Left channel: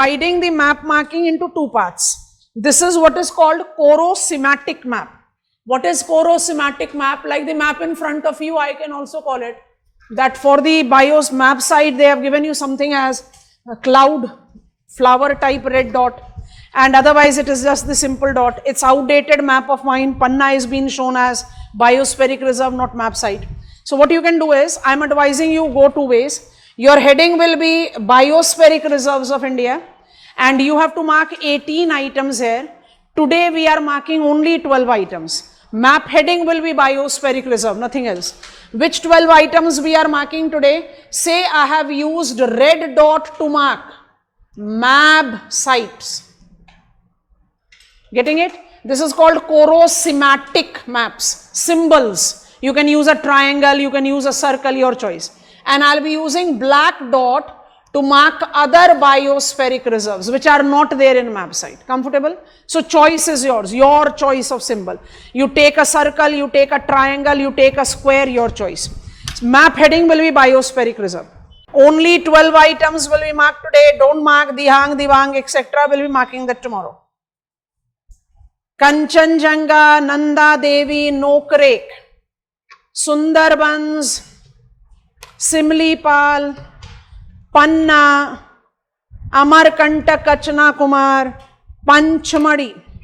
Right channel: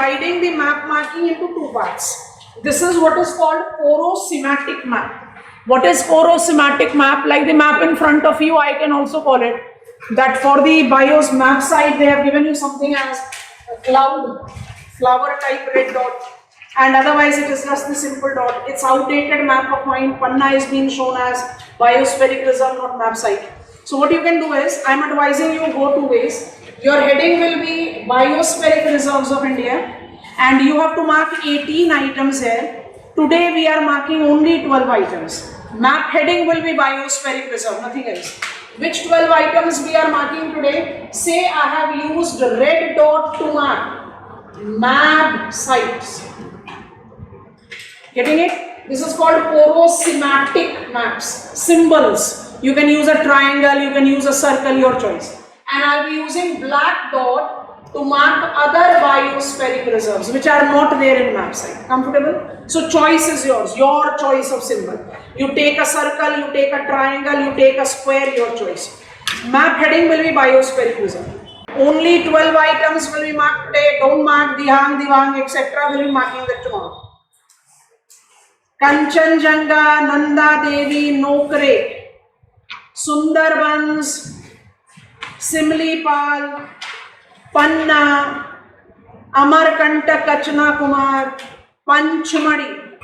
Dividing the map marking into two parts. This is what is called chorosematic map. What is chorosematic map? Like the map in front of you, I can also call it that. For the BIOS map side, they have given you something as a cloud, flower type red dot, and otherwise it is just the simple dot. It's outdated map of mine. Panna is being shown as biospheric reserve, not map site. So what you can do is, I'm advising you go two ways. Your heading will be biospheric reserves of India, and you have to mark 18 items here. Today we are marking only 12 items. Map heading will be biospheric reserve, nothing else. Which 12 items we are marking today? Say I have used red dot to mark MAB sites. Getting it? This is called chorosematic maps, symbols. You can use a triangle, you can use a circle, your choice. And I'll be using black dot to mark other biospheric reserves which are not there in map site. Comfortable? So choice is yours, your choice of symbol. You take a circle, you take a triangle, you take a square, your choice. Map heading will be biospheric reserve. Only 12 items will be marked today. Don't mark Dihang, Divang, etc. We'll be marking that tomorrow. Kanchenjunga, Nanda Devi, Nokrek, Sundarbans, Simlipal, Panna, Amarkanta Kachna Kumar, Panchmadi.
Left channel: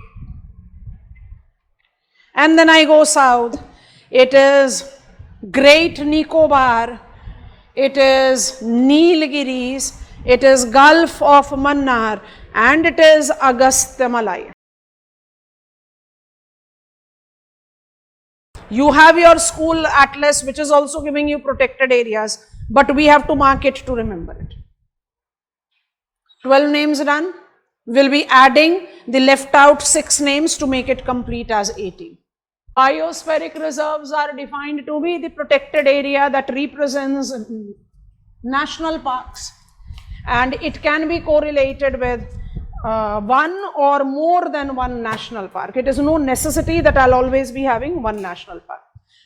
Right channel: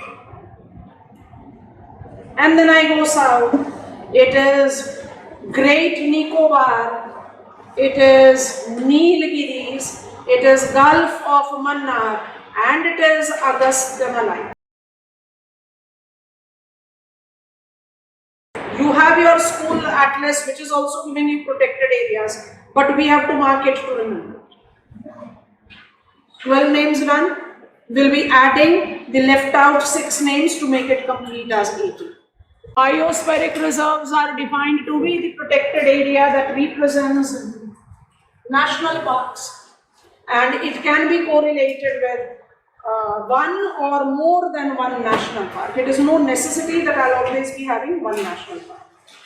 And then I go south. It is Great Nicobar, it is Nilgiris, it is Gulf of Mannar, and it is Agastya Malai. You have your school atlas which is also giving you protected areas, but we have to mark it to remember it. 12 names done. We'll be adding the left out 6 names to make it complete as 18. Biospheric reserves are defined to be the protected area that represents national parks, and it can be correlated with one or more than one national park. It is no necessity that I'll always be having one national park.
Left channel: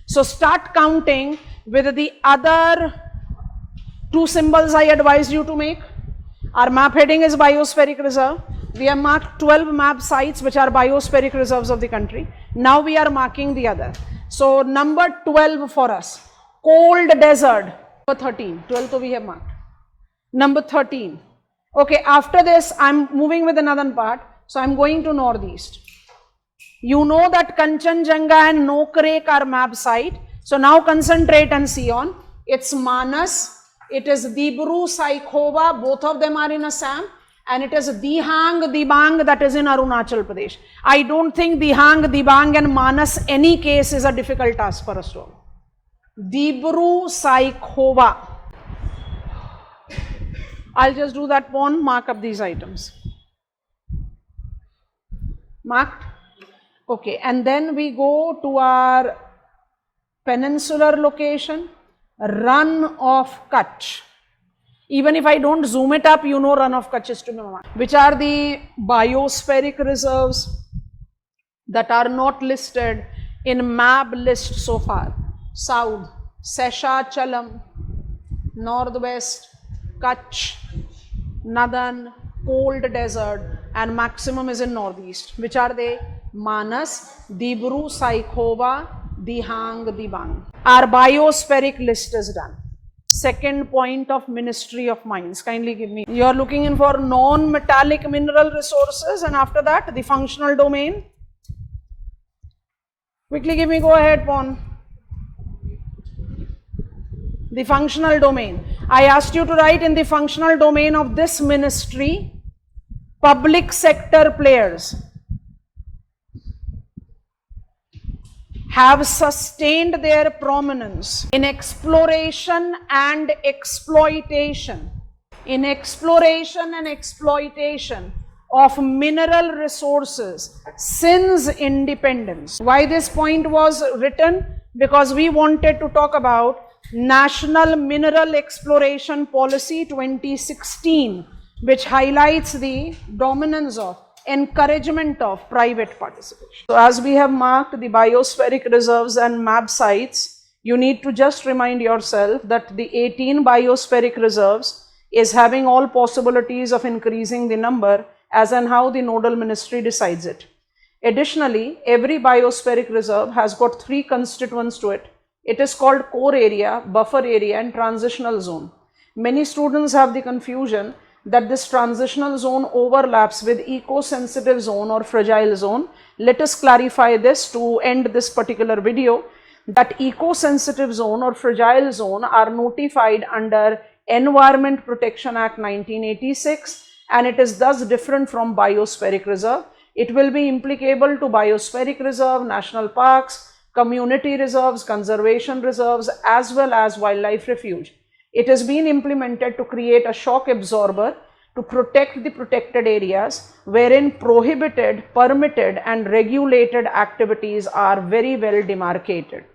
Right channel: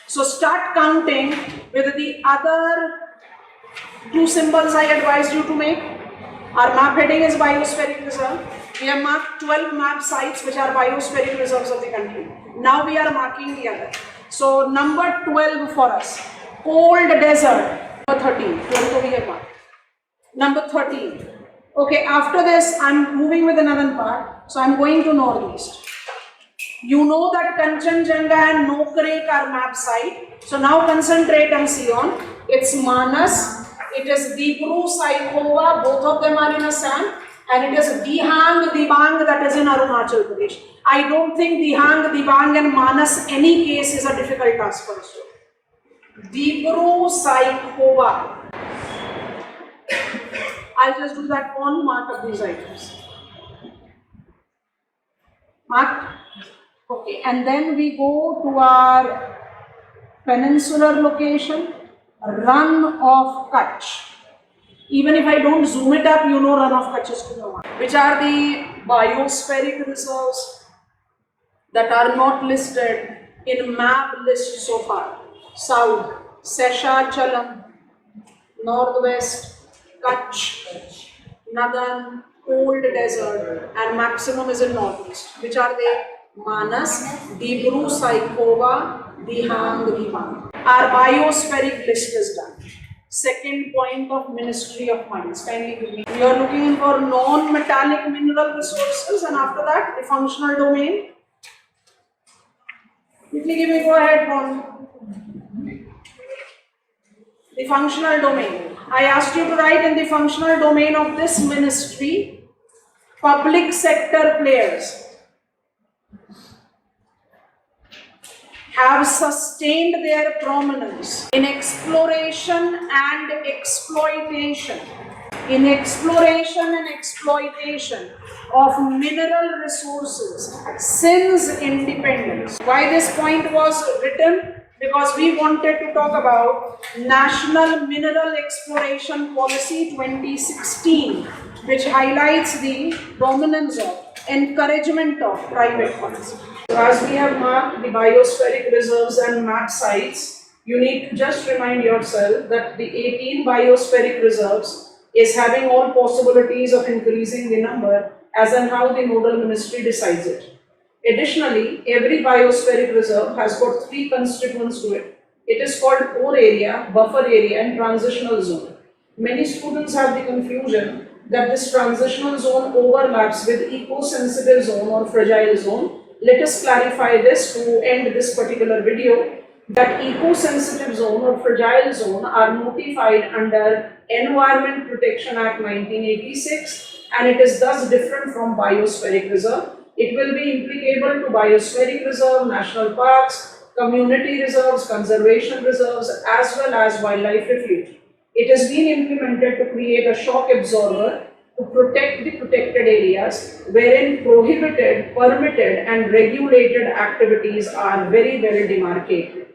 So start counting with the other 2 symbols I advised you to make. Our map heading is biospheric reserve. We have marked 12 map sites which are biospheric reserves of the country. Now we are marking the other. So number 12 for us, cold desert. Number 13, 12 we have marked. Number 13. Okay, after this, I'm moving with another part. So I'm going to northeast. You know that Kanchenjunga and Nokrek are map site. So now concentrate and see on. It's Manas, it is Dibru, Saikhowa, both of them are in Assam. And it is Dihang, Dibang, that is in Arunachal Pradesh. I don't think Dihang, Dibang and Manas any case is a difficult task for us to. Dibru, Saikhowa. I'll just do that one, mark up these items. Marked? Okay, and then we go to our peninsular location, Run of Kutch. Even if I don't zoom it up, you know Run of Kutch is to be marked. Which are the biospheric reserves that are not listed in MAB list so far? South, Seshachalam, Northwest, Kutch, Nadan, cold desert, and maximum is in northeast. Which are they? Manas, Dibru, Saikhowa, Dihang, Dibang. Our biospheric list is done. Second point of Ministry of Mines. Kindly give me. You are looking in for non-metallic mineral resources, and after that the functional domain. Quickly give me, go ahead, Pon. The functional domain. I asked you to write in the functional domain of this ministry, public sector players have sustained their prominence in exploration and exploitation. In exploration and exploitation of mineral resources since independence. Why this point was written? Because we wanted to talk about National Mineral Exploration Policy 2016, which highlights the dominance of, encouragement of private funds. So as we have marked the biospheric reserves and map sites, you need to just remind yourself that the 18 biospheric reserves is having all possibilities of increasing the number as and how the nodal ministry decides it. Additionally, every biospheric reserve has got three constituents to it. It is called core area, buffer area, and transitional zone. Many students have the confusion that this transitional zone overlaps with eco-sensitive zone or fragile zone. Let us clarify this to end this particular video, that eco-sensitive zone or fragile zone are notified under Environment Protection Act 1986, and it is thus different from biospheric reserve. It will be applicable to biospheric reserve, national parks, community reserves, conservation reserves, as well as wildlife refuge. It has been implemented to create a shock absorber to protect the protected areas wherein prohibited, permitted and regulated activities are very well demarcated.